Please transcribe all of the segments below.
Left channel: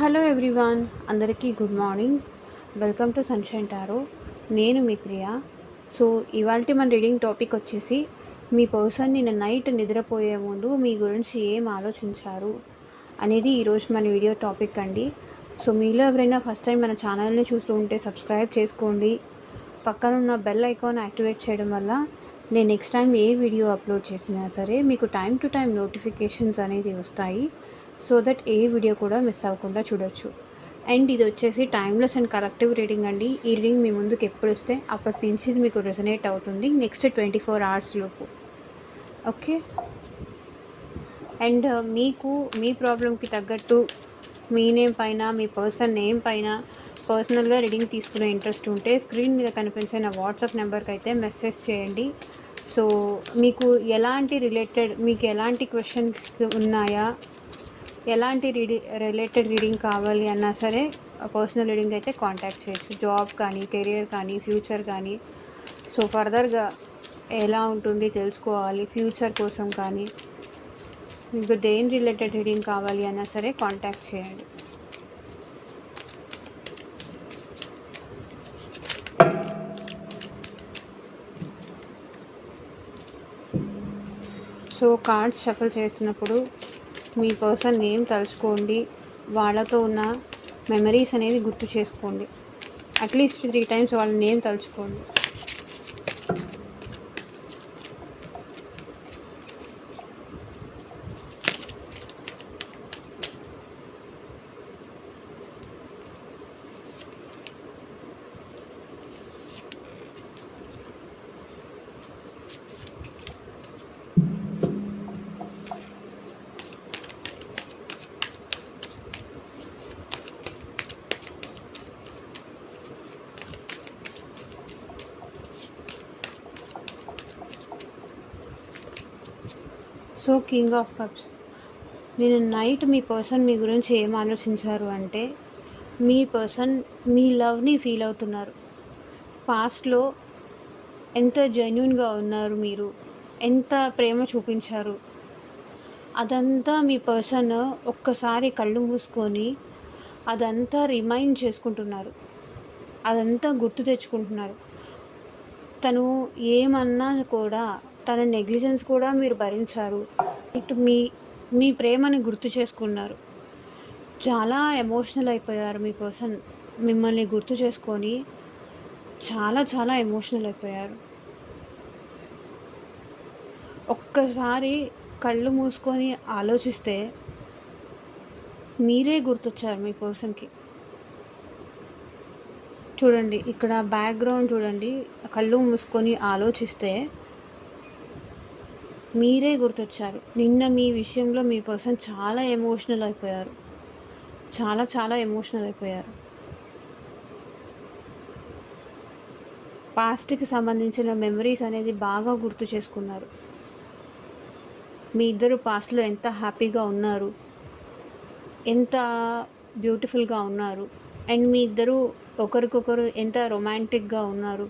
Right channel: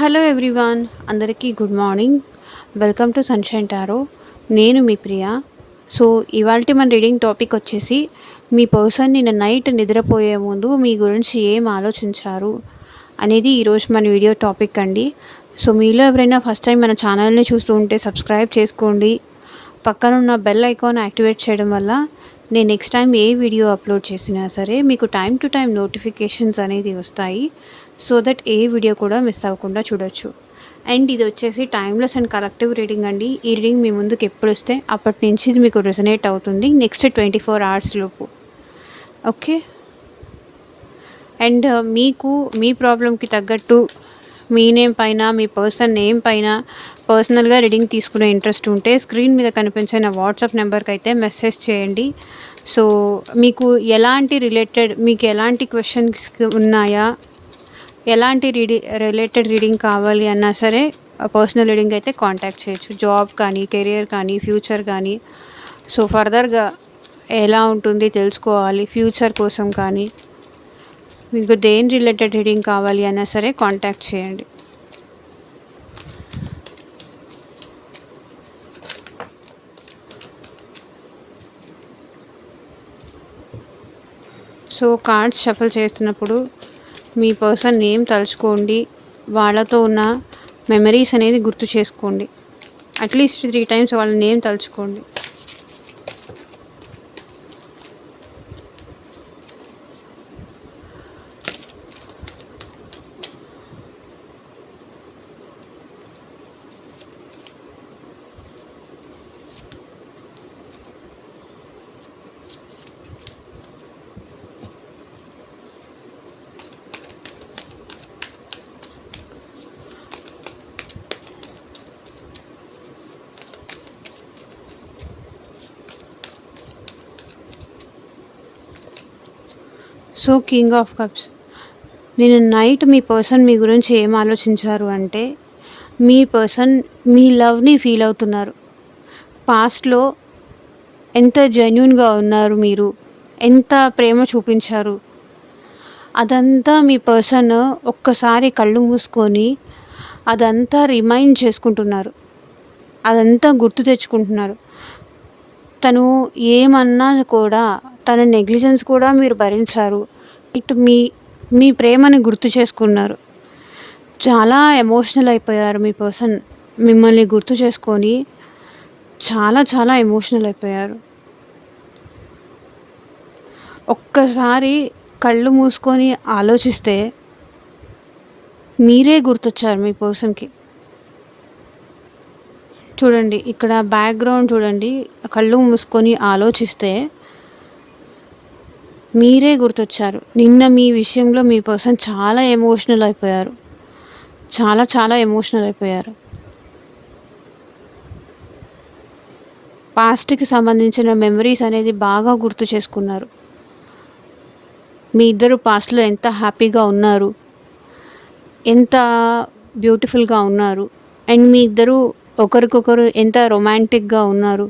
Hello everyone, అందరికీ good morning. Welcome to sunshine tarot. నేను మీ Priya. So ఇవాల్టి మన రీడింగ్ టాపిక్ వచ్చేసి, మీ పర్సన్ నిన్న నైట్ నిద్రపోయే ముందు మీ గురించి ఏం ఆలోచించారు అనేది ఈరోజు మన వీడియో టాపిక్ అండి. సో మీలో ఎవరైనా ఫస్ట్ టైం మన ఛానల్ని చూస్తూ ఉంటే సబ్స్క్రైబ్ చేసుకోండి. పక్కనున్న బెల్ ఐకాన్ యాక్టివేట్ చేయడం వల్ల నేను నెక్స్ట్ టైం ఏ వీడియో అప్లోడ్ చేసినా సరే మీకు టైం టు టైం నోటిఫికేషన్స్ అనేది వస్తాయి. సో దట్ ఏ వీడియో కూడా మిస్ అవ్వకుండా చూడొచ్చు. అండ్ ఇది వచ్చేసి టైమ్లెస్ అండ్ కలెక్టివ్ రీడింగ్ అండి. ఈ రీడింగ్ మీ ముందుకు ఎప్పుడు వస్తే అప్పటి నుంచి ఇది మీకు రెజనేట్ అవుతుంది నెక్స్ట్ 24 hours లోపు. ఓకే. అండ్ మీకు మీ ప్రాబ్లంకి తగ్గట్టు మీ నేమ్ పైన, మీ పర్సన్ నేమ్ పైన పర్సనల్గా రీడింగ్ తీసుకునే ఇంట్రెస్ట్ ఉంటే స్క్రీన్ మీద కనిపించే నా వాట్సాప్ నెంబర్కి అయితే మెసేజ్ చేయండి. సో మీకు మీకు ఎలాంటి క్వశ్చన్స్ ఉన్నాయా, ఎలాంటి రిలేటెడ్ రీడింగ్ కావాలి అన్నా సరే పర్సనల్ రీడింగ్ అయితే కాంటాక్ట్ చేయొచ్చు. జాబ్ కానీ, కెరియర్ కానీ, ఫ్యూచర్ కానీ, సో ఫర్దర్గా ఎలా ఉంటుంది తెలుసుకోవాలి ఫ్యూచర్ కోసం కానీ, మీకు దేని రిలేటెడ్ రీడింగ్ కావాలి అన్నా సరే కాంటాక్ట్ చేయండి. సో కార్డ్స్ షఫల్ చేస్తున్నప్పుడు మీ పర్సన్ నేమ్ తలుచుకోండి, వాళ్ళతో ఉన్న మెమరీస్ అనేది గుర్తు చేసుకోండి. అట్లీస్ట్ 3 times వాళ్ళ నేమ్ తలుచుకోండి. So king of cups. నేను నైట్ మీ పర్సన్ మీ గురించి ఏం ఆలోచించారు అంటే, మీ పర్సన్ మీ లవ్ని ఫీల్ అవుతున్నారు. పాస్ట్లో ఎంత జెన్యూన్గా ఉన్నారు, మీరు ఎంత ప్రేమ చూపించారు, అదంతా మీ పర్సన్ ఒక్కసారి కళ్ళు మూసుకొని అదంతా రిమైండ్ చేసుకుంటున్నారు, అదంతా గుర్తు తెచ్చుకుంటున్నారు. తను ఏమన్నా కూడా, తన నెగ్లిజెన్స్ కూడా మీరు భరించారు. ఇటు మీ ప్రేమని గుర్తు చేసుకున్నారు. చాలా ఎమోషనల్ అయిపోయారు మీ పర్సన్. మిమ్మల్ని గుర్తు చేసుకొని చాలా చాలా ఎమోషనల్ అయిపోయారు. ఒక్కసారి కళ్ళు మూసుకొని ఆలోచిస్తే మీరే గుర్తొచ్చారు మీ పర్సన్కి. చూడండి, ఇక్కడ బ్యాక్గ్రౌండ్ చూడండి. కళ్ళు మూసుకొని ఆలోచిస్తే మీరే గుర్తొచ్చారు. నిన్న మీ విషయంలో మీ పర్సన్ చాలా ఎమోషనల్ అయిపోయారు. చాలా చాలా ఎమోషనల్ అయిపోయారు. పాస్ట్కి సంబంధించిన మెమరీస్ అనేది బాగా గుర్తు చేసుకున్నారు. మీ ఇద్దరు పాస్ట్లో ఎంత హ్యాపీగా ఉన్నారు, ఎంత బ్యూటిఫుల్గా ఉన్నారు, అండ్ మీ ఇద్దరు ఒకరికొకరు ఎంత రొమాంటిక్గా ఉన్నారు.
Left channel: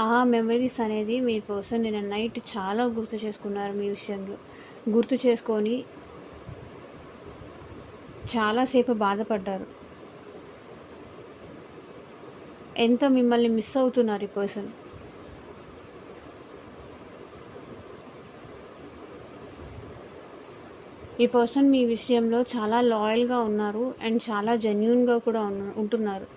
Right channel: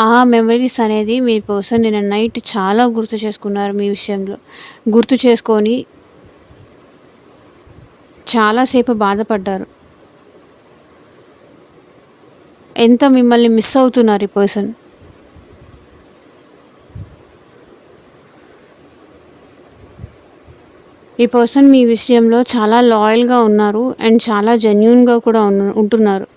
ఆ మెమరీస్ అనేది మీ పర్సన్ నిన్న నైట్ చాలా గుర్తు చేసుకున్నారు. మీ విషయంలో గుర్తు చేసుకొని చాలాసేపు బాధపడ్డారు. ఎంత మిమ్మల్ని మిస్ అవుతున్నారు ఈ పర్సన్. ఈ పర్సన్ మీ విషయంలో చాలా లాయల్గా ఉన్నారు అండ్ చాలా జెన్యూన్గా కూడా ఉంటున్నారు.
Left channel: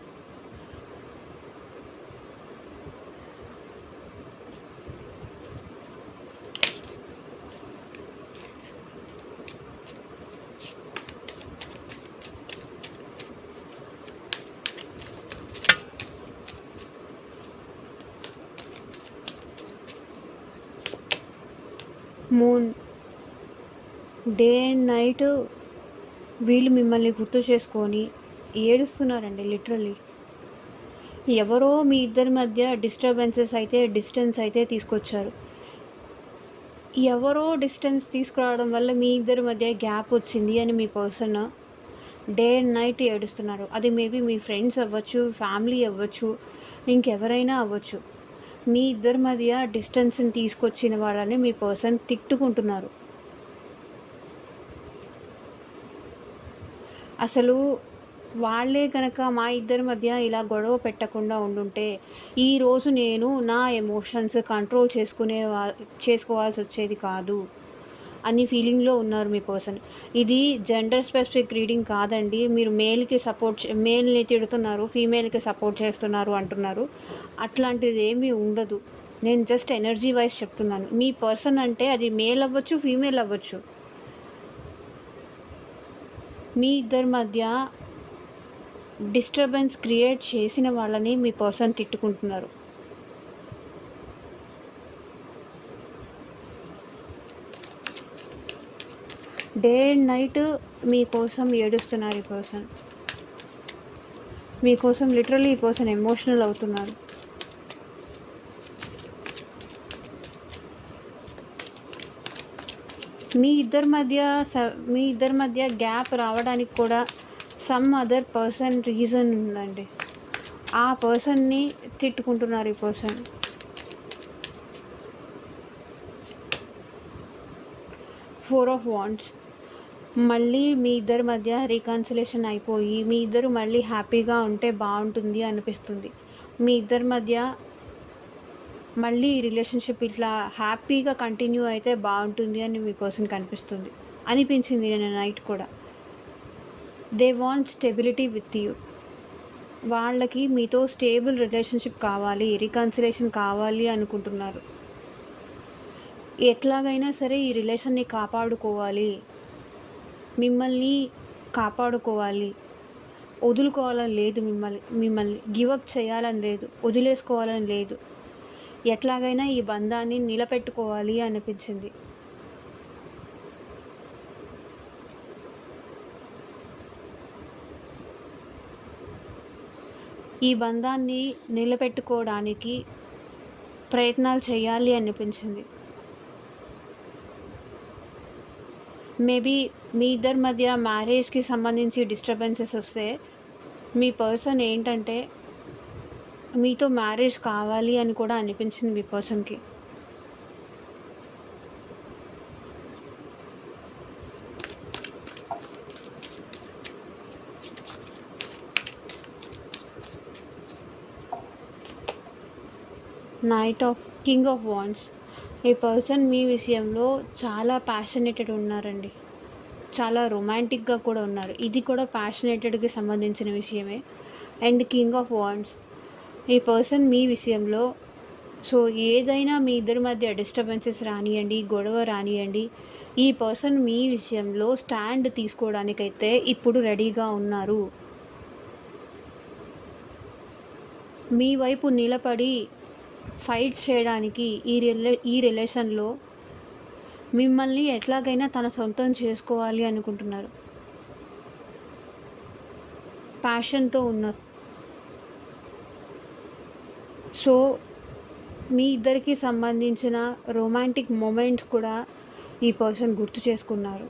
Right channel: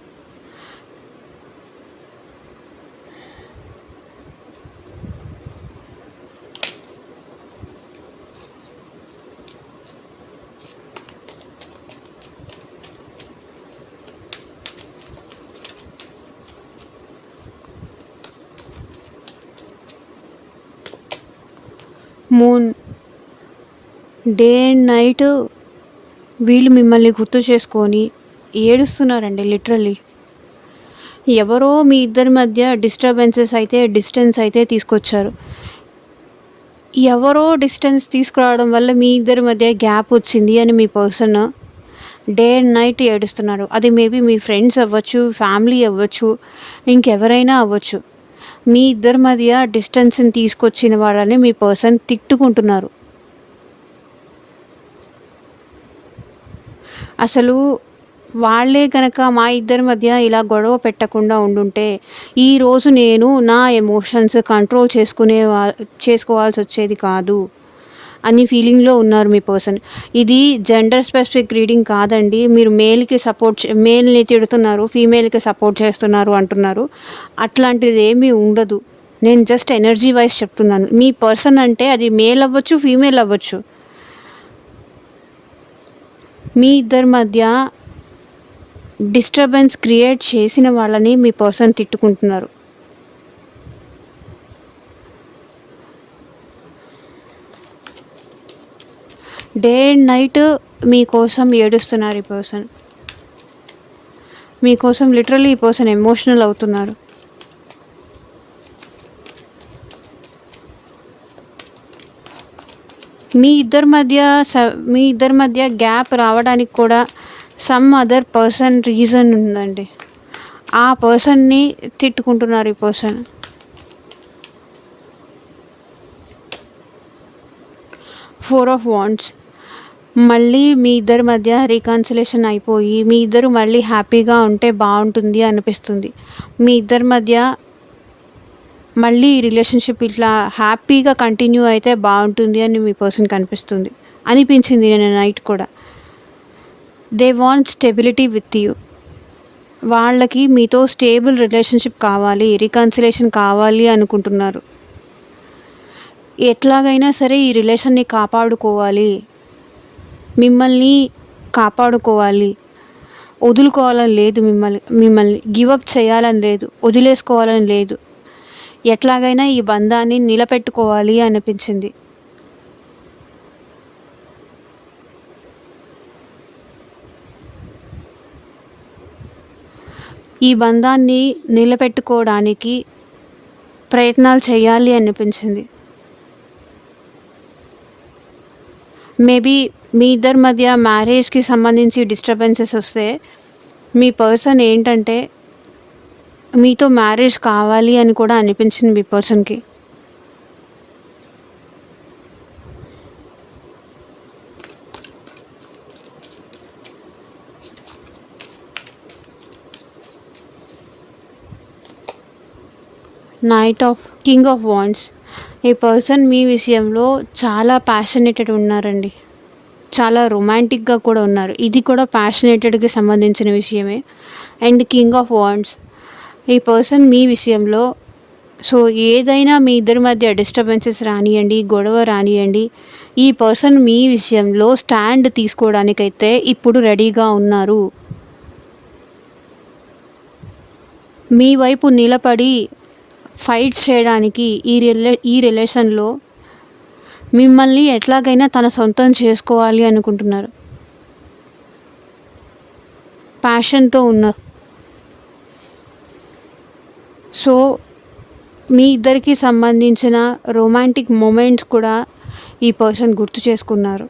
మూన్. డే అండ్ నైట్ వీళ్ళు మిమ్మల్ని గుర్తు చేసుకొని ఏడుస్తున్నారండి లిటరల్లీ. ఎవరో మీ ఇద్దరి మధ్య డిస్టెన్స్ అయితే తీసుకొచ్చారు. ఎవరో డిస్టెన్స్ తీసుకురావడం వల్ల మీ ఇద్దరి మధ్య గ్యాప్ వచ్చింది అని మీ పర్సన్ డే అండ్ నైట్ ఏడుస్తున్నారు. అది మేబీ మీ ఫ్రెండ్స్ అవ్వచ్చు, ఫ్యామిలీ అవ్వచ్చు, ఇంకెవరైనా అవ్వచ్చు. మీ ఇద్దరి మధ్య డిస్టెన్స్ని తీసుకొచ్చిన వాళ్ళని మీ పర్సన్ తిట్టుకుంటున్నారు. అసలు వాళ్ళే గనక మా ఇద్దరి మధ్య ఇలా గొడవ పెట్టకుండా ఉండుంటే, ఈరోజు నేను నా ఎమోషన్స్ కంట్రోల్ చేసుకోవాల్సొచ్చేది కాదు అని ఫీలింగ్‌లో ఉన్నారు మీ పర్సన్. ఇది జెండర్ స్పెసిఫిక్ రీడింగ్ కాదండి. మీరు మేల్‌ని తిడుతున్నారు, ఫీమేల్‌కి సపోర్ట్ చేస్తున్నారు అంటున్నారు. అట్లాంటిదేమీ ఉండదు. నేను జస్ట్ ఎనర్జీ వైస్ చెప్తున్నాను. మీ పర్సన్ అంటే అది మేల్ అవ్వచ్చు, ఫీమేల్ అవ్వచ్చు. మీ ఇద్దరి మధ్య డిస్టర్బెన్స్ క్రియేట్ చేసిన వాళ్ళని మీ పర్సన్ తిట్టుకుంటున్నారు. డే అండ్ నైట్ మీకోసం ఏడుస్తున్నారు ఈ పర్సన్. మీకోసం లిటరల్లీ ఈ పర్సన్ ఎమోషనల్ అవుతున్నారు. మీ ఇద్దరి మధ్య గ్యాప్ రావడానికి కూడా సమ్ అదర్ పర్సన్ రీజన్ ఉందండి. ఆ పర్సన్‌ని తిట్టుకుంటున్నారు ఈ పర్సన్. 4 of wands. మళ్ళీ మీ ఇద్దరి మధ్య రీకన్సిలేషన్ అయిపోయి, మీ ఇద్దరు మళ్ళీ హ్యాపీగా ఉంటే బావుంటుంది అనిపిస్తుంది. మీ ఇద్దరి మధ్య మళ్ళీ ఈ రిలేషన్‌షిప్ ఇట్లా హ్యాపీగా కంటిన్యూ అయితే బావుంటుంది అని మీ పర్సన్‌కి అనిపించింది నిన్న నైట్ కూడా. They want stability with you. వాళ్ళకి మీతో స్టేబుల్ రిలేషన్‌షిప్ కావాలి, రీకన్సిలేషన్ కావాలి అనుకుంటున్నారు. ఎట్లాగైనా సరే ఈ రిలేషన్‌ని కాపాడుకోవాలి. మిమ్మల్ని కాపాడుకోవాలి. వదులుకోవాలని లేదు మిమ్మల్ని గివ్ అప్ చేయాలని లేదు. వదిలేసుకోవాలని లేదు. ఎట్లాగైనా ఈ బంధాన్ని నిలబెట్టుకోవాలి అనిపించింది. ఈ బంధాన్ని నిలబెట్టుకోవడానికి ప్రయత్నాలు చేయాలి అనిపించింది. మేబీ మీ ఇద్దరి మధ్య మ్యారేజ్‌కి సంబంధించి డిస్టర్బెన్సెస్ వస్తే మీ పర్సన్ ఏంటంటే మీతో మ్యారేజ్ కావాలి అని కూడా అనిపించింది మీ పర్సన్‌కి. King of wands. ఈ పర్సన్ మీ విషయంలో చాలా ప్యాషనేటెడ్ ఉన్నారండి. చాలా రొమాంటిక్‌గా కూడా ఉన్నారు. ఇది కూడా ప్యాషనేటెడ్‌కి సంబంధించిన విషయమే. And king of wands. ఈ పర్సన్ మీ విషయంలో ఏదైనా మీ ఇద్దరి మధ్య డిస్టర్బెన్సెస్ రానియండి, గొడవ రానియండి, ఈ పర్సన్ మీ విషయంలో స్టాండ్ తీసుకోవడానికైతే ఇప్పుడు రెడీగా ఉన్నారు. మీ వైపు నిలబడి ఫైట్ చేయడానికి ఈ రిలేషన్‌లో మిమ్మల్ని ఎట్లాగైనా తన సొంతం చేసుకోవాలి అనుకుంటున్నారు. ప్యాషన్‌తో ఉన్నారు. మీ ఇద్దరికి సంబంధించిన రొమాంటిక్ మొమెంట్స్ కూడా ఈ పర్సన్ గుర్తు చేసుకున్నారు.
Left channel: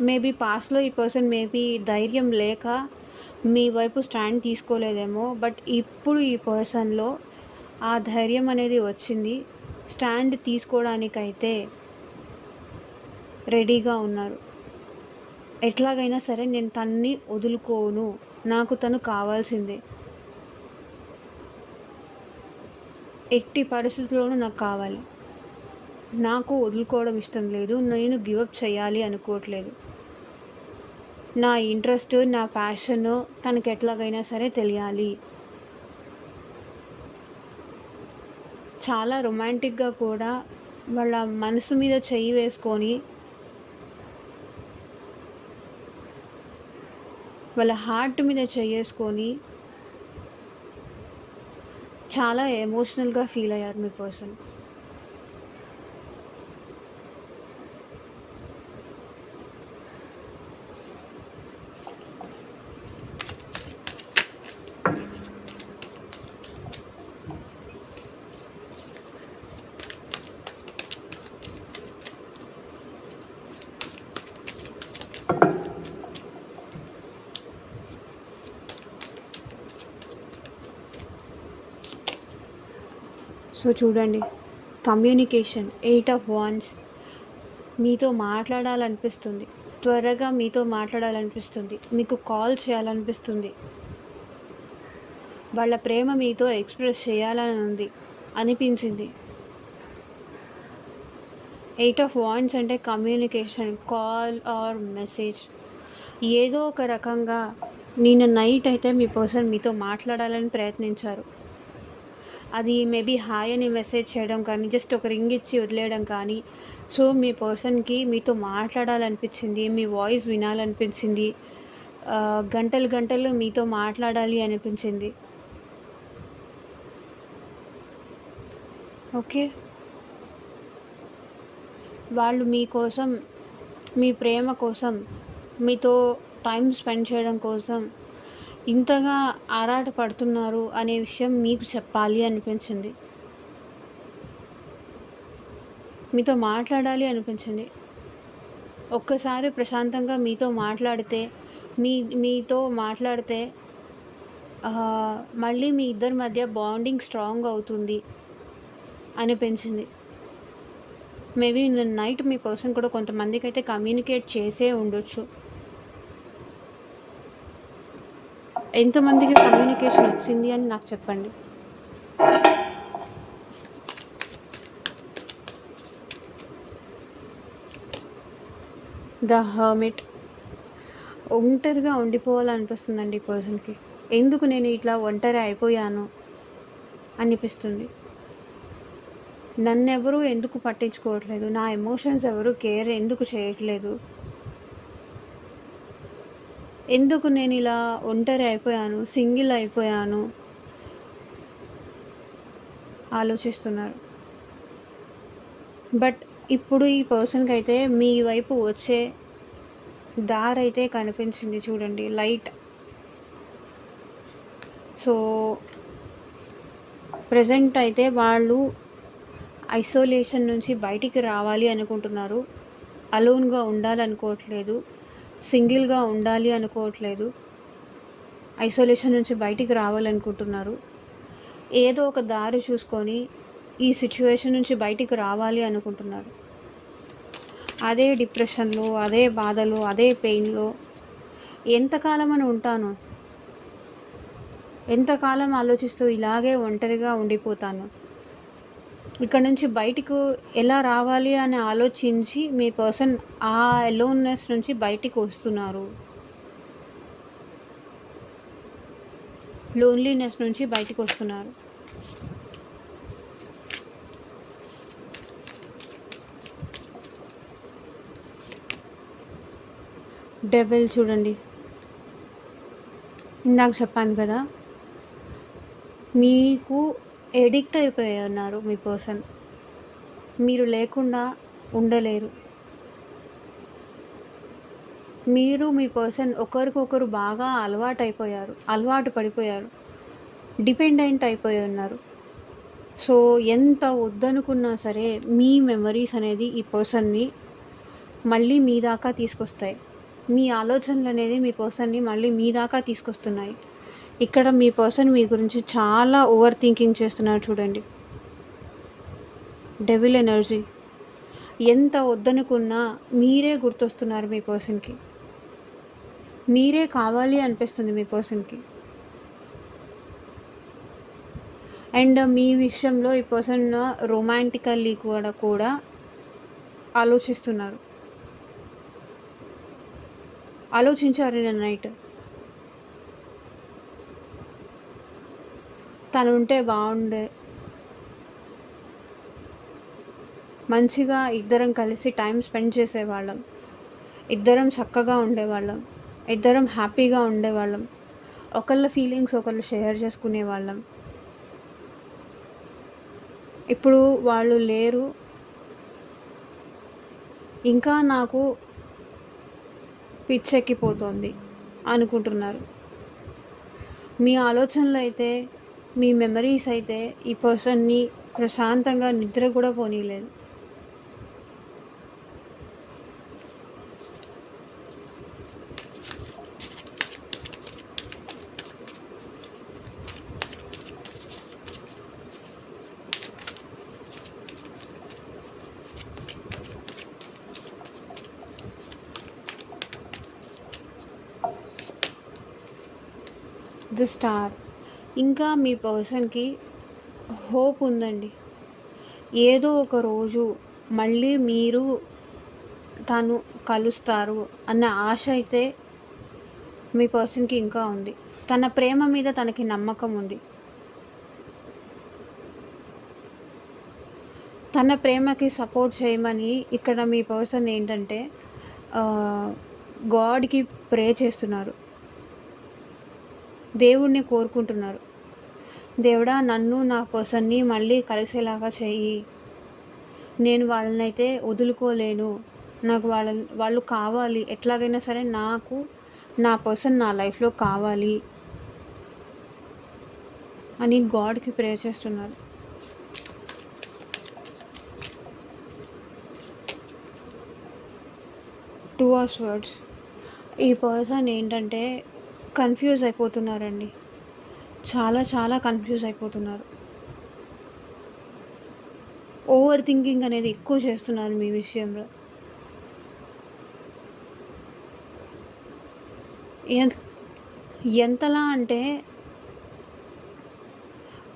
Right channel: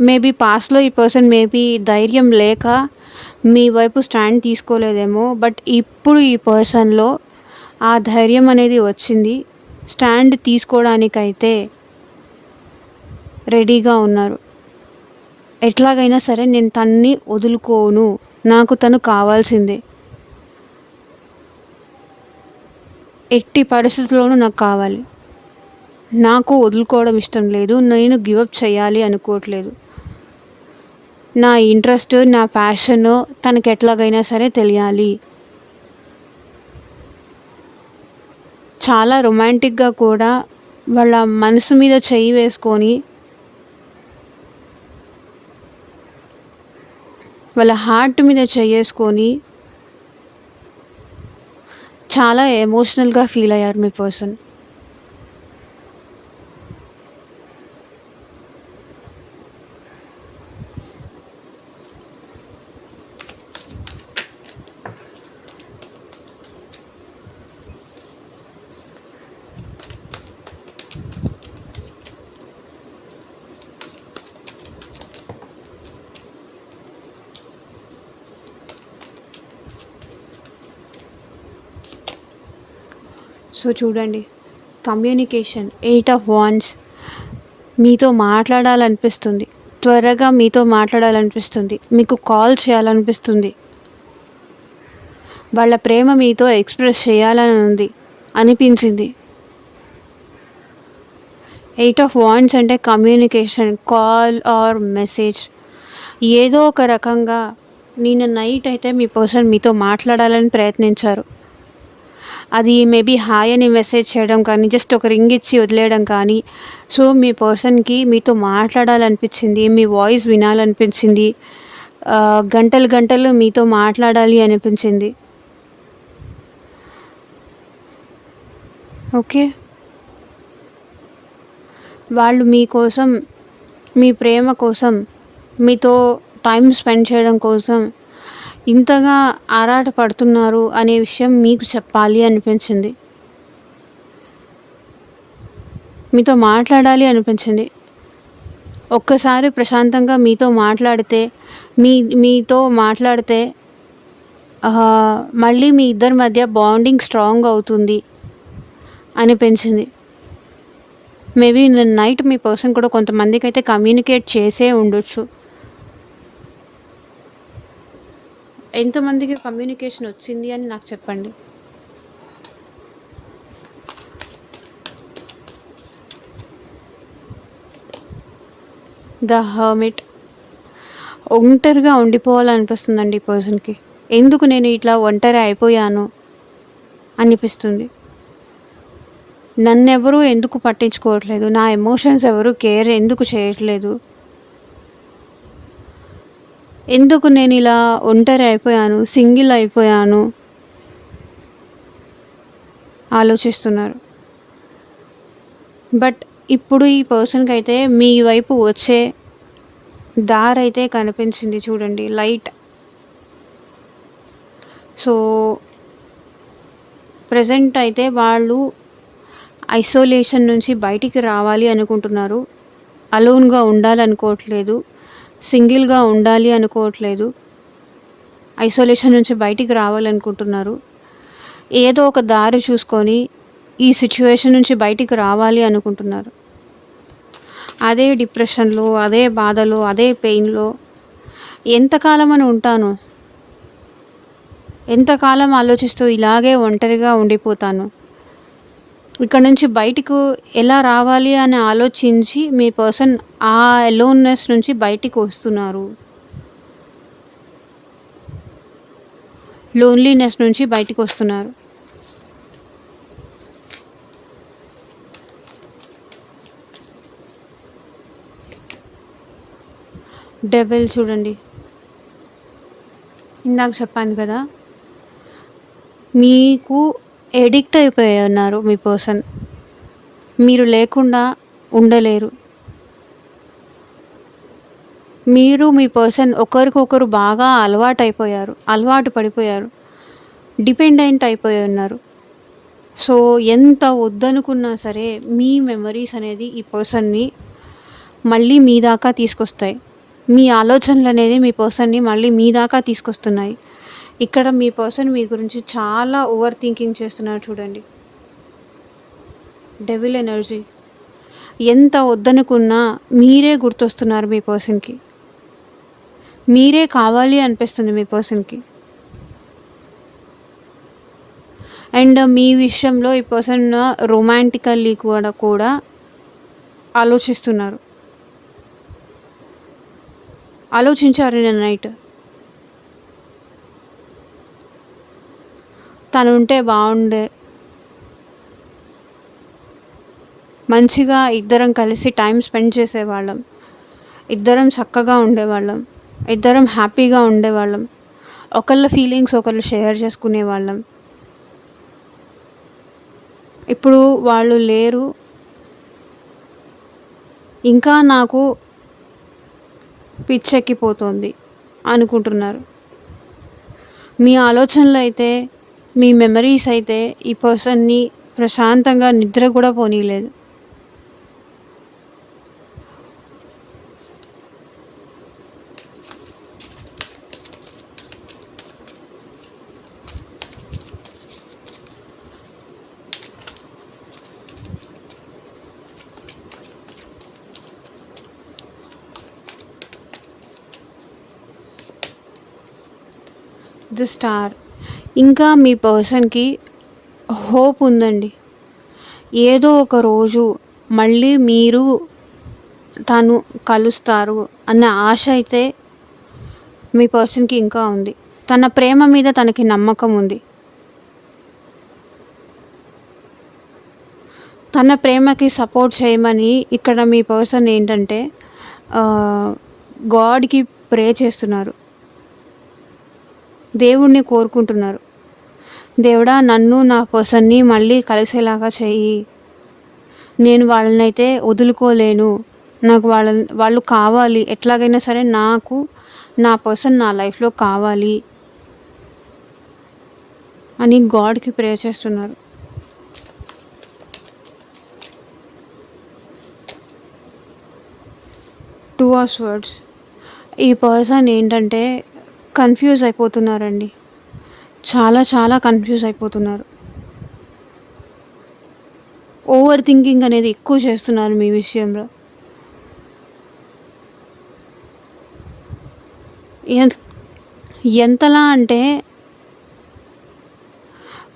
మేబీ పాస్ట్‌లో ఈ పర్సన్ ధైర్యం లేక మీ వైపు స్టాండ్ తీసుకోలేదేమో. బట్ ఇప్పుడు ఈ పర్సన్‌లో ఆ ధైర్యం అనేది వచ్చింది. స్టాండ్ తీసుకోవడానికైతే రెడీగా ఉన్నారు. ఎట్లాగైనా సరే నేను తనని వదులుకోను. నాకు తను కావాల్సిందే. ఎట్టి పరిస్థితుల్లోనూ నాకు కావాలి. నాకు వదులుకోవడం ఇష్టం లేదు. నేను గివ్ అప్ చేయాలి అనుకోవట్లేదు. నా ఇంట్రెస్ట్, నా ప్యాషన్ తనకి ఎట్లాగైనా సరే తెలియాలి. చాలా రొమాంటిక్‌గా కూడా వాళ్ళ మనసు మీద చెయ్యి వేసుకొని, వాళ్ళ హార్ట్ మీద చెయ్యేసుకొని చాలా ఎమోషనల్‌గా ఫీల్ అయ్యారు మీ పర్సన్. చూడండి, కమ్యూనికేషన్ 8 ఆఫ్ వాండ్స్. మీతో మాట్లాడాలనిపిస్తుంది. త్వరగా మీతో మాట్లాడాలనిపిస్తుంది. మీకు కాల్ చేయాలనిపిస్తుంది. వాళ్ళ ప్రేమ మీతో ఎక్స్‌ప్రెస్ చేయాలని ఉంది అనిపించింది. 8 ఆఫ్ వాండ్స్ అంటే కమ్యూనికేషన్, కాల్ ఆర్ మెసేజ్. ఏదో ఒక రకంగా నిన్న నైట్ అయితే మీ పర్సన్ మీతో మాట్లాడాలని ప్రయత్నించారు. అది మేబీ హాయ్ అని మెసేజ్ చేయడం కానీ, జస్ట్ ఒక రింగ్ ఇచ్చి వదిలేయడం కానీ. సో, మీ పర్సన్‌కి మీతో మాట్లాడాలనిపించింది. మీ వాయిస్ వినాలనిపించింది. గంటలు గంటలు మీతో మాట్లాడాలి అనిపించింది. ఓకే. వాళ్ళు మీకోసం, మీ ప్రేమ కోసం, మీతో టైం స్పెండ్ చేయడం కోసం ఇంతగా ఆరాటపడుతున్నారు అనే విషయం మీకు చెప్పాలి అనిపించింది. మీతో మాట్లాడాలి అనిపించింది. ఒక్కసారి ప్రశాంతంగా మీతో మాట్లాడితే మళ్ళీ మీ ఇద్దరి మధ్య బాండింగ్ స్ట్రాంగ్ అవుతుంది అనిపించింది. మేబీ నిన్న నైట్ మీ పర్సన్ కూడా కొంతమందికైతే కమ్యూనికేట్ చేసే ఉండొచ్చు. ఎంతమందికి కమ్యూనికేషన్ వచ్చింది అని నాకు చెప్పండి. The hermit. ఒంటరిగా ఉండిపోవాలనిపిస్తుందండి ఈ పర్సన్‌కి. ఎందుకు నేను ఇట్లా ఒంటరి అయిపోయాను అనిపిస్తుంది. నన్నెవరూ ఎందుకు పట్టించుకోవట్లేదు, నా ఎమోషన్స్ ఎవరు కేర్ ఎందుకు చేయట్లేదు, ఎందుకు నేను ఇలా ఒంటరి అయిపోయాను, సింగిల్ అయిపోయాను ఆలోచిస్తున్నారు. బట్ ఇప్పుడు ఈ పర్సన్‌కి అయితే మీ వైపు వచ్చే దారైతే కనిపించింది చూడండి, లైట్. సో, ప్రెజెంట్ అయితే వాళ్ళు ఐసోలేషన్ నుంచి బయటికి రావాలి అనుకుంటున్నారు. అలోన్‌గా ఉండాలనుకోవట్లేదు. సింగిల్‌గా ఉండాలి అనుకోవట్లేదు. ఐసోలేషన్ నుంచి బయటికి రావాలనుకుంటున్నారు. ఏదో ఒక దారి చూసుకొని ఈ సిట్యుయేషన్ నుంచి బయటికి రావాలి అనుకుంటున్నారు. అదే డిప్రెషన్‌లో, అదే బాధలో, అదే పెయిన్‌లో ఎంతకాలమని ఉంటాను? ఎంతకాలం ఆలోచిస్తూ ఇలాగే ఒంటరిగా ఉండిపోతాను? ఇక్కడ నుంచి బయటకు ఎలా రావాలి అని ఆలోచించి మీ పర్సన్ ఆ అలోన్నెస్ నుంచి బయటికి వస్తున్నారు. లోన్లీనెస్ నుంచి బయటికి వస్తున్నారు. డెవిల్ చూడండి, ఇందాక చెప్పాను కదా, మీకు ఎడిక్ట్ అయిపోయి ఉన్నారు మీ పర్సన్. మీరు లేకుండా ఉండలేరు. మీరు మీ పర్సన్ ఒకరికొకరు బాగా అలవాటు పడిపోయారు, డిపెండెంట్ అయిపోయి ఉన్నారు. సో, ఎంత వద్దనుకున్నా సరే మీ మెమరీస్ అనేది ఈ పర్సన్ని మళ్ళీ మీ దాకా తీసుకొస్తాయి. మీ ఆలోచనలు అనేది మీ పర్సన్ని మళ్ళీ మీ దాకా తీసుకొస్తున్నాయి. ఇక్కడ మీ పర్సన్ మీ గురించి చాలా ఓవర్ థింకింగ్ చేస్తున్నారు చూడండి. Devil energy. ఎంత వద్దనుకున్నా మీరే గుర్తొస్తున్నారు మీ పర్సన్‌కి. మీరే కావాలి అనిపిస్తుంది మీ పర్సన్‌కి. అండ్ మీ విషయంలో ఈ పర్సన్ రొమాంటికల్లీ కూడా ఆలోచించారు నిన్న నైట్. తను ఉంటే బాగుండే, మంచిగా ఇద్దరం కలిసి టైం స్పెండ్ చేసేవాళ్ళం, ఇద్దరం చక్కగా ఉండేవాళ్ళం, ఇద్దరం హ్యాపీగా ఉండేవాళ్ళం, ఒకళ్ళ ఫీలింగ్స్ ఒకళ్ళు షేర్ చేసుకునేవాళ్ళం. ఇప్పుడు వాళ్ళు లేరు. ఇంకా నాకు పిచ్చెక్కిపోతుంది అనుకుంటున్నారు. మీ ఆలోచనలు అయితే, మీ మెమరీస్ అయితే ఈ పర్సన్ని ప్రశాంతంగా నిద్ర కూడా పోనీయలేదు. The star. ఇంకా మీ పర్సన్‌కి హోప్ ఉందండి. ఏదో ఒక రోజు మళ్ళీ మీరు, తను కలుస్తారు అన్న ఆశ అయితే మీ పర్సన్‌కి ఇంకా ఉంది. తన ప్రేమ మీద తనకి నమ్మకం ఉంది. తన ప్రేమకి సపోర్ట్ చేయమని ఇక్కడ మీ పర్సన్ ఏంటంటే ఆహ్, గాడ్‌కి ప్రే చేస్తున్నారు. దేవుడిని కోరుకుంటున్నారు. దేవుడా, నన్ను నా పర్సన్‌ని మళ్ళీ కలిసేలాగా చెయ్యి. నేను వాళ్ళనైతే వదులుకోలేను. నాకు వాళ్ళు కావాలి. ఎట్లాగైనా సరే నాకు నా పర్సన్ నా లైఫ్‌లో కావాలి అని గాడ్‌కి ప్రే చేస్తున్నారు. Two of swords. ఈ పర్సన్ ఏంటంటే కన్‌ఫ్యూజ్ అయిపోతున్నారండి. చాలా చాలా కన్‌ఫ్యూజ్ అయిపోతున్నారు. ఓవర్ థింకింగ్ అనేది ఎక్కువ చేస్తున్నారు మీ విషయంలో. ఎన్ ఎంతలా అంటే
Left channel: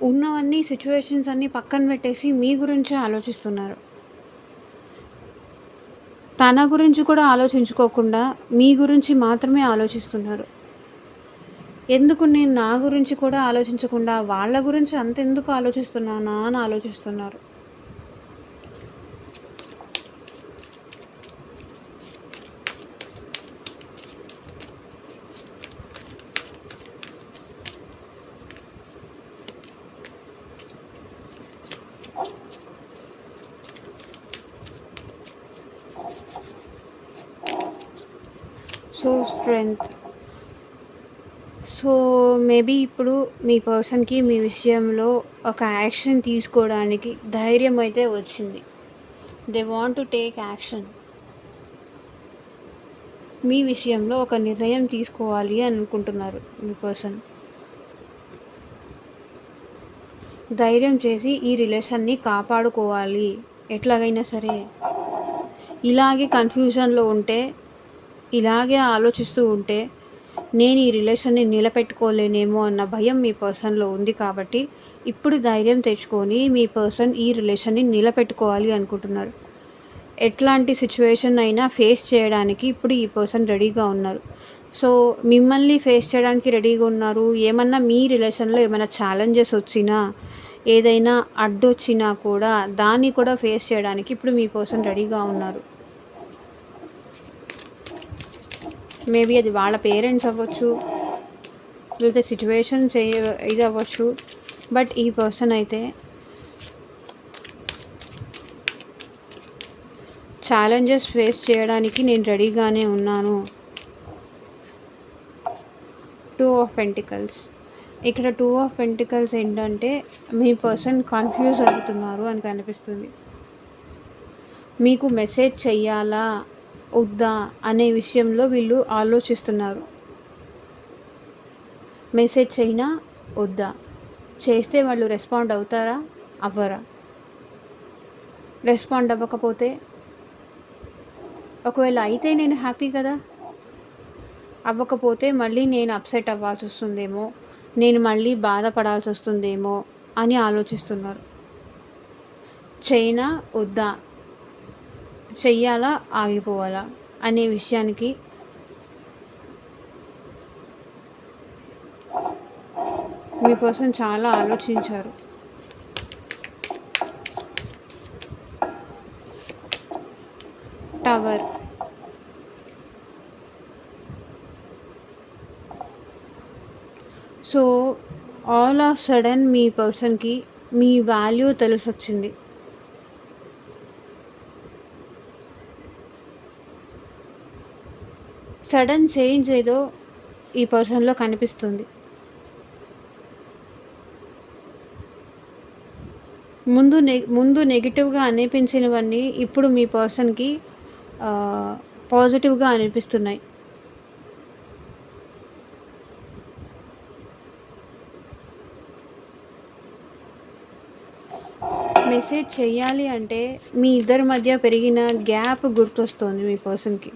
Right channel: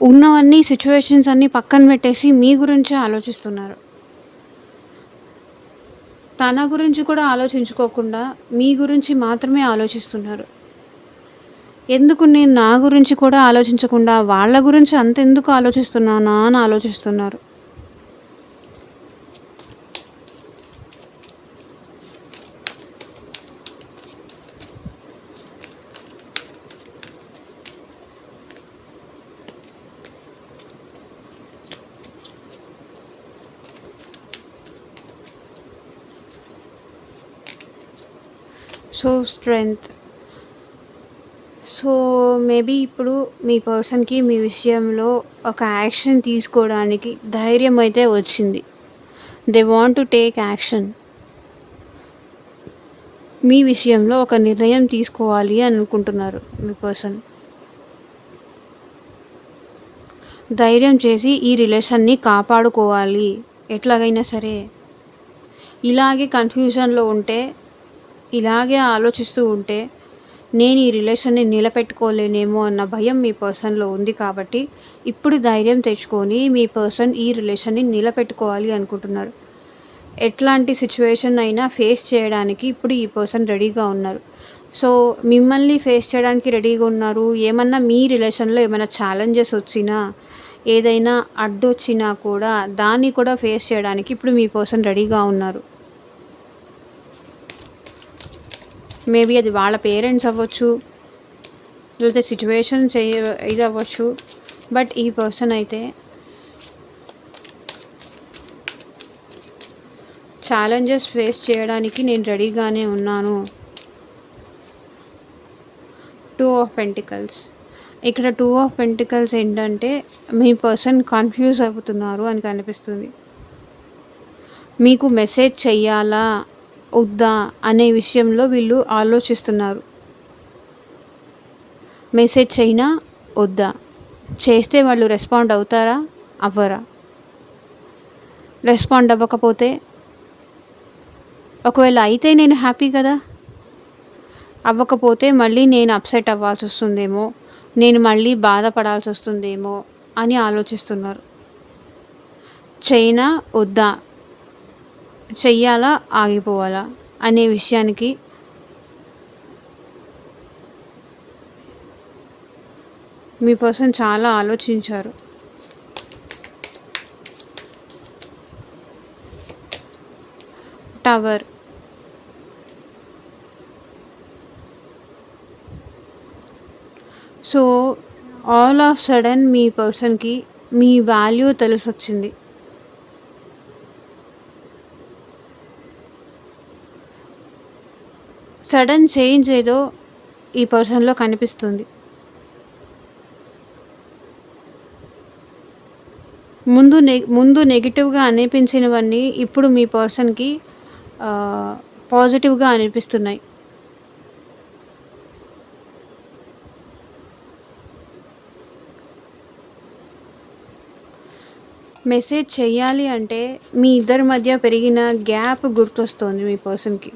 ఉన్నవన్నీ సిట్యుయేషన్స్ అన్నీ పక్కన పెట్టేసి మీ గురించే ఆలోచిస్తున్నారు. తన గురించి కూడా ఆలోచించుకోకుండా మీ గురించి మాత్రమే ఆలోచిస్తున్నారు. ఎందుకు నేను నా గురించి కూడా ఆలోచించకుండా వాళ్ళ గురించి అంతెందుకు ఆలోచిస్తున్నానా అని ఆలోచిస్తున్నారు. So strength. సో మేబీ ఇప్పుడు మీ పర్సన్‌కి మీ విషయంలో ఒక యాక్షన్ తీసుకోవడానికి ధైర్యం అయితే వచ్చింది. They want to take action. మీ విషయంలో ఒక నిర్ణయం తీసుకోవాలి అని అనుకుంటున్నారు మీ పర్సన్. ధైర్యం చేసి ఈ రిలేషన్‌ని కాపాడుకోవాలి ఎట్లాగైనా సరే. ఇలాగే కన్‌ఫ్యూజన్‌లో ఉంటే, ఇలాగే ఆలోచిస్తూ ఉంటే నేను ఈ రిలేషన్‌ని నిలబెట్టుకోలేనేమో అన్న భయం మీ పర్సన్‌లో ఉంది కాబట్టి, ఇప్పుడు ధైర్యం తెచ్చుకొని మీ పర్సన్ ఈ రిలేషన్‌ని నిలబెట్టుకోవాలి అనుకుంటున్నారు. ఎట్లాంటి సిచ్యువేషన్ అయినా ఫేస్ చేయడానికి ఇప్పుడు ఈ పర్సన్ రెడీగా ఉన్నారు. సో మిమ్మల్ని ఫేస్ చేయడానికి రెడీగా ఉన్నారు. ఏమన్నా మీ రిలేషన్‌లో ఏమైనా ఛాలెంజెస్ వచ్చినా, ఏదైనా అడ్డొచ్చినా కూడా దాన్ని కూడా ఫేస్ చేయడానికి ఇప్పుడు మీ పర్సన్ రెడీగా ఉన్నారు. మేబీ అది వాళ్ళ పేరెంట్స్ అవ్వచ్చు, లేకపోతే సిచ్యువేషన్స్ ఇది అవ్వచ్చు. బట్ ఈ పర్సన్ అయితే ఛాలెంజెస్ ఫేస్ చేయడానికి నేను రెడీగానే ఉన్నాను. Two of pentacles. ఇక్కడ టూ ఆఫ్ పెంటికల్స్ ఏంటంటే మీ పర్సన్ కన్ఫ్యూజ్ అవుతున్నారు అని కనిపిస్తుంది. మీకు మెసేజ్ చెయ్యాలా వద్దా అనే విషయంలో వీళ్ళు ఆలోచిస్తున్నారు. మెసేజ్ చేయినా వద్దా, చేస్తే వాళ్ళు రెస్పాండ్ అవుతారా అవ్వరా, రెస్పాండ్ అవ్వకపోతే ఒకవేళ అయితే నేను హ్యాపీ కదా, అవ్వకపోతే మళ్ళీ నేను అప్సెట్ అవ్వాల్సి వస్తుందేమో, నేను మళ్ళీ బాధపడాల్సి వస్తుందేమో అని ఆలోచిస్తున్నారు. చైనా వద్దా, చెయ్యాలా ఆగిపోవాలా అనే విషయానికి మీ పర్సన్ చాలా ఆలోచించారు. Tower. So all of sudden మీ పర్సన్కి మీ వాల్యూ తెలిసొచ్చింది. సడన్ చేంజ్ ఏదో ఈ పర్సన్లో కనిపిస్తుంది. ముందు నెగిటివ్గా అనిపించినవన్నీ ఇప్పుడు మీ పర్సన్కి పాజిటివ్గా అనిపిస్తున్నాయి. మెసేజ్ చెయ్యాలి అంటే మీ ఇద్దరి మధ్య పెరిగిన గ్యాప్ గుర్తొస్తుంది మీ పర్సన్కి.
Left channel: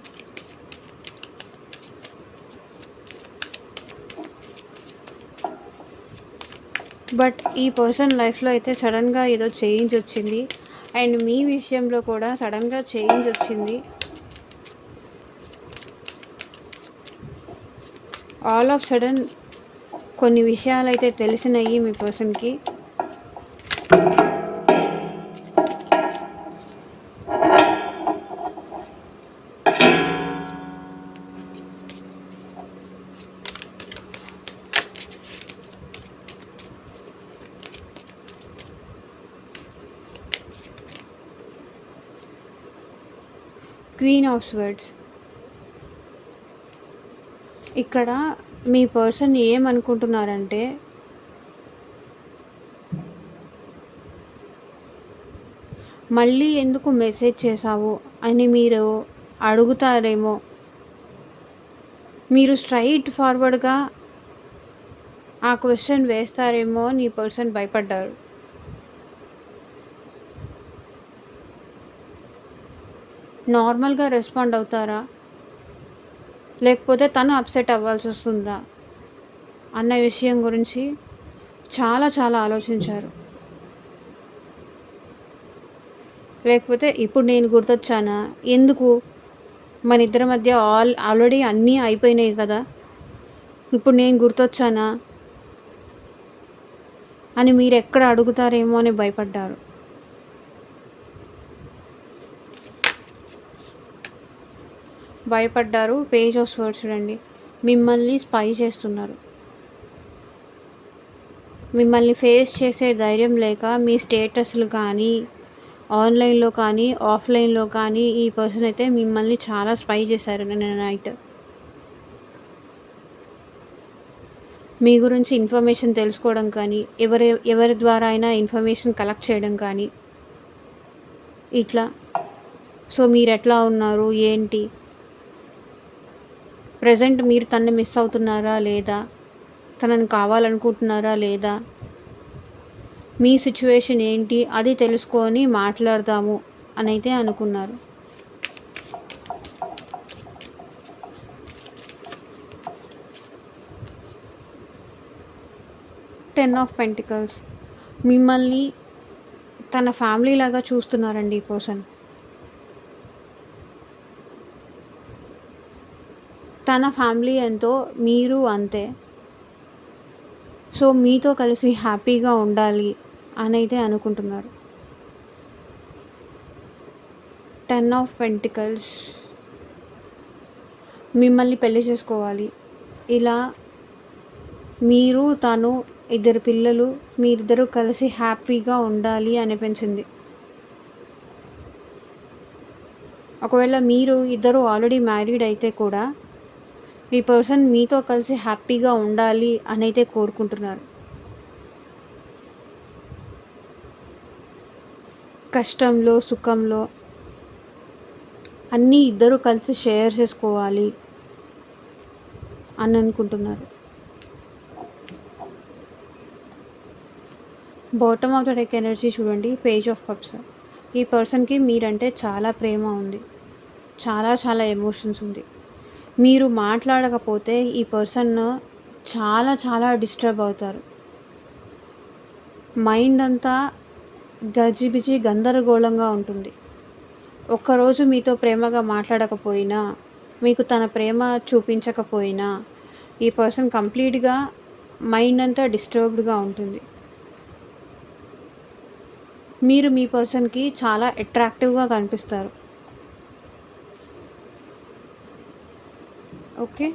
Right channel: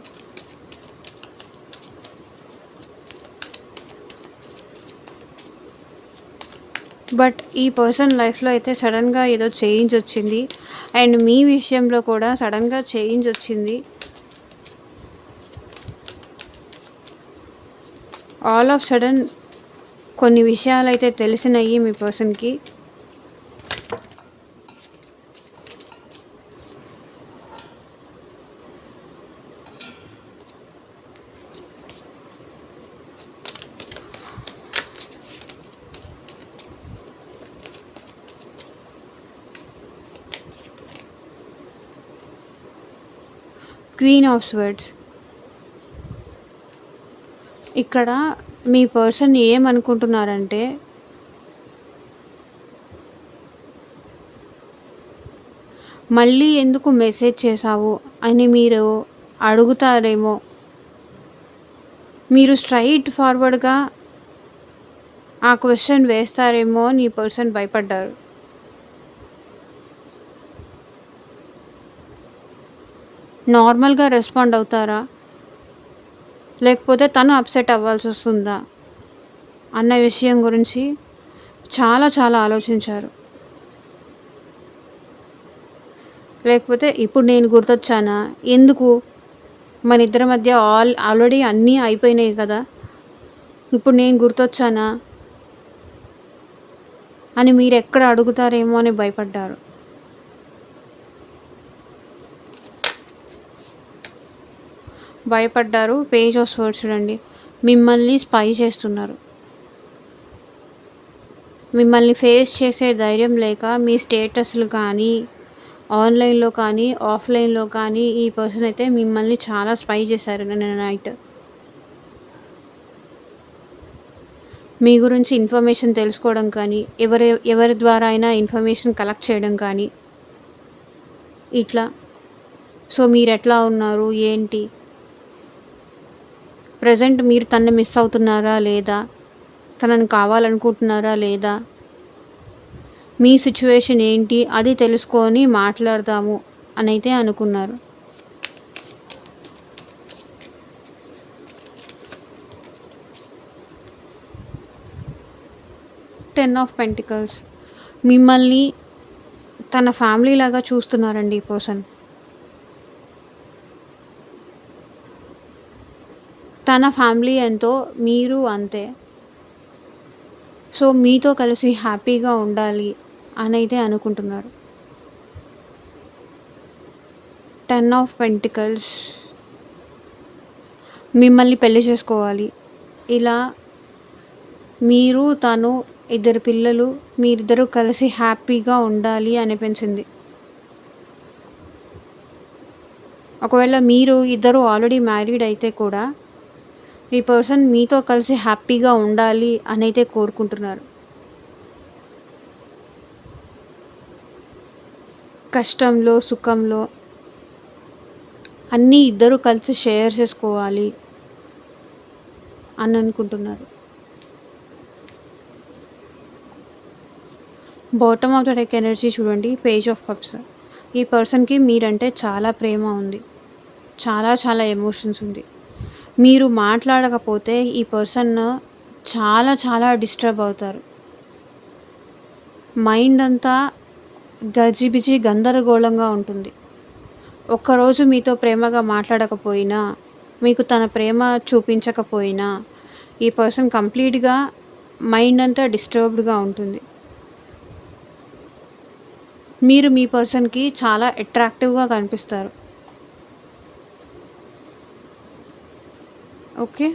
బట్ ఈ పర్సన్ లైఫ్‌లో అయితే సడెన్‌గా ఏదో చేంజ్ వచ్చింది. అండ్ మీ విషయంలో కూడా సడెన్‌గా చేంజ్ వచ్చింది. ఆల్ ఆఫ్ సడెన్ కొన్ని విషయాలైతే తెలిసినయి మీ పర్సన్‌కి. Queen of swords. ఇక్కడ మీ పర్సన్ ఏమనుకుంటున్నారంటే, మళ్ళీ ఎందుకు మెసేజ్ చేశావు అని మీరు అడుగుతారేమో. మీరు స్ట్రైట్ ఫార్వర్డ్‌గా ఆ క్వెషన్ వేస్తారేమో అని ఈ పర్సన్ భయపడ్డారు. నార్మల్‌గా రెస్పాండ్ అవుతారా? లేకపోతే తను అప్సెట్ అవ్వాల్సొస్తుందా? అన్న విషయం గురించి చాలా చాలా ఆలోచించారు. లేకపోతే ఇప్పుడు నేను గుర్తొచ్చానా? ఎందుకు? మనిద్దరి మధ్య ఆల్రెడీ అన్నీ అయిపోయినాయి కదా! ఇప్పుడు నేను గుర్తొచ్చానా? అని మీరెక్కడ అడుగుతారేమో అని భయపడ్డారు. పేజ్ ఆఫ్ స్వర్డ్స్ చూడండి. మిమ్మల్ని స్పై చేస్తున్నారు. మిమ్మల్ని ఫేస్ చేసే ధైర్యం లేక మీ స్టేటస్‌లు కానీ, ఆన్‌లైన్‌లో కానీ, ఆఫ్‌లైన్‌లో కానీ ఈ పర్సన్ అయితే మిమ్మల్ని చాలా స్పై చేశారు నిన్న నైట్. మీ గురించి ఇన్ఫర్మేషన్ తెలుసుకోవడం కానీ, ఎవరి ద్వారా అయినా ఇన్ఫర్మేషన్ కలెక్ట్ చేయడం కానీ ఇట్లా. సో మీరెట్లా ఉన్నారు? ఏంటి? ప్రెజెంట్ మీరు తనని మిస్ అవుతున్నారా లేదా? తనని కావాలనుకుంటున్నారా లేదా? మీ సిచ్యువేషన్ ఏంటి? అది తెలుసుకొని మాట్లాడదాము అనైతే అనుకున్నారు. Ten of pentacles. మిమ్మల్ని తన ఫ్యామిలీ లాగా చూస్తున్నారండి ఈ పర్సన్. తన ఫ్యామిలీ ఎంతో మీరు అంతే. సో మీతో కలిసి హ్యాపీగా ఉండాలి అనైతే అనుకుంటున్నారు. 10 ఆఫ్ పెంటికల్స్. మిమ్మల్ని పెళ్లి చేసుకోవాలి. ఇలా మీరు, తను, 2 పిల్లలు, మీరిద్దరూ కలిసి హ్యాపీగా ఉండాలి అనిపించింది. ఒకవేళ మీరు ఇద్దరు ఆల్రెడీ మ్యారీడ్ అయితే కూడా ఈ పర్సన్ మీతో కలిసి హ్యాపీగా ఉండాలి అనైతే కోరుకుంటున్నారు. కష్టంలో, సుఖంలో అన్నీ ఇద్దరు కలిసి షేర్ చేసుకోవాలి అని అనుకుంటున్నారు. Bottom of the deck energy చూడండి. Page of cups. ఈ పర్సన్కి మీరంటే చాలా ప్రేమ ఉంది. చాలా చాలా ఎమోషన్స్ ఉంది. మీరు మాట్లాడకపోతే ఈ పర్సన్ చాలా చాలా డిస్టర్బ్ అవుతారు. మైండ్ అంతా గజిబిజి గందరగోళంగా ఉంటుంది. ఒక్కరోజు మీతో ప్రేమగా మాట్లాడకపోయినా, మీకు తన ప్రేమ చూపించకపోయినా ఈ పర్సన్ కంప్లీట్‌గా మైండ్ అంతా డిస్టర్బ్డ్‌గా ఉంటుంది. మీరు మీ పర్సన్‌కి చాలా అట్రాక్టివ్‌గా కనిపిస్తారు. Okay.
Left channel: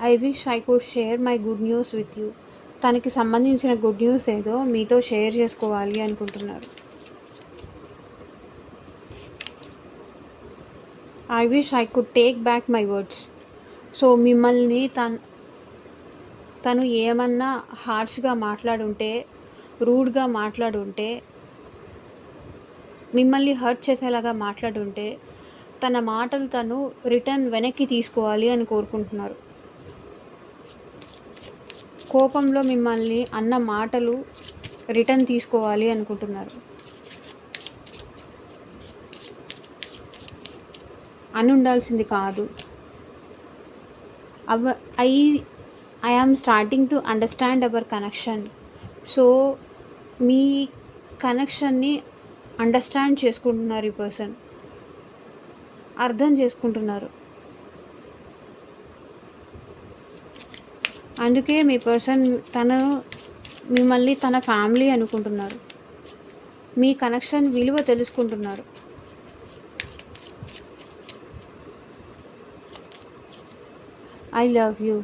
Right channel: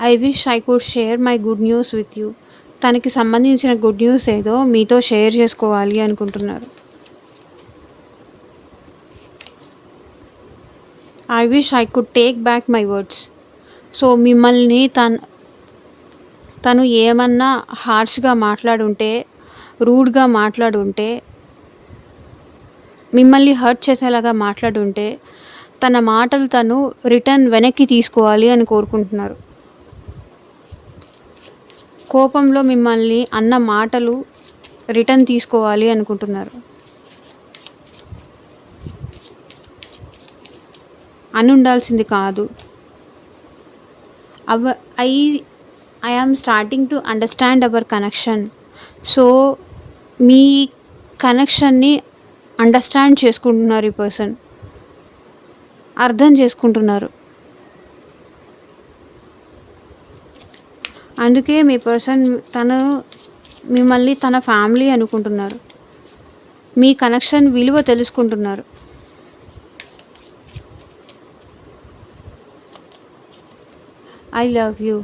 I wish I could share my good news with you. తనకి సంబంధించిన గుడ్ న్యూస్ ఏదో మీతో షేర్ చేసుకోవాలి అనుకుంటున్నారు. I wish I could take back my words. So మిమ్మల్ని తను ఏమన్నా హార్ష్గా మాట్లాడుంటే, రూడ్గా మాట్లాడుంటే, మిమ్మల్ని హర్ట్ చేసేలాగా మాట్లాడుంటే తన మాటలు తను రిటర్న్ వెనక్కి తీసుకోవాలి అని కోరుకుంటున్నారు. కోపంలో మిమ్మల్ని అన్న మాటలు రిటర్న్ తీసుకోవాలి అనుకుంటున్నారు. అనుండాల్సింది కాదు. అవ I I am starting to understand our connection. So, మీ కనెక్షన్‌ని అండర్‌స్టాండ్ చేసుకుంటున్నారు ఈ పర్సన్. అర్థం చేసుకుంటున్నారు. అందుకే మీ పర్సన్ తను మిమ్మల్ని తన ఫ్యామిలీ అనుకుంటున్నారు. మీ కనెక్షన్ విలువ తెలుసుకుంటున్నారు. I love you.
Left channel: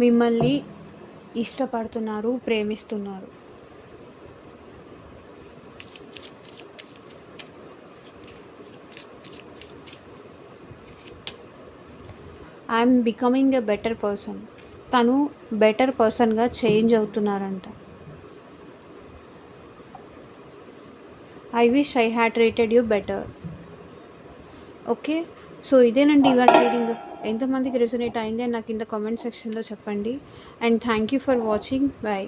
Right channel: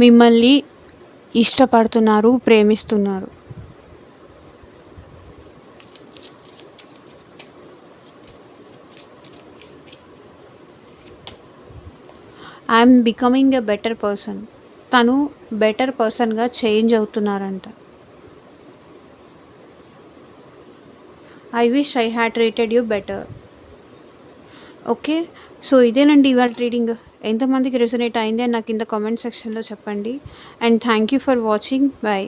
మిమ్మల్ని ఇష్టపడుతున్నారు, ప్రేమిస్తున్నారు. I'm becoming a better person. తను బెటర్ పర్సన్గా చేంజ్ అవుతున్నారంట. I wish I had treated you better. Okay, so ఇదేనండి ఇవాళ రీడింగ్. ఎంతమందికి రెసొనేట్ అయింది అని నాకు కింద కామెంట్ సెక్షన్లో చెప్పండి. And thank you for watching. Bye.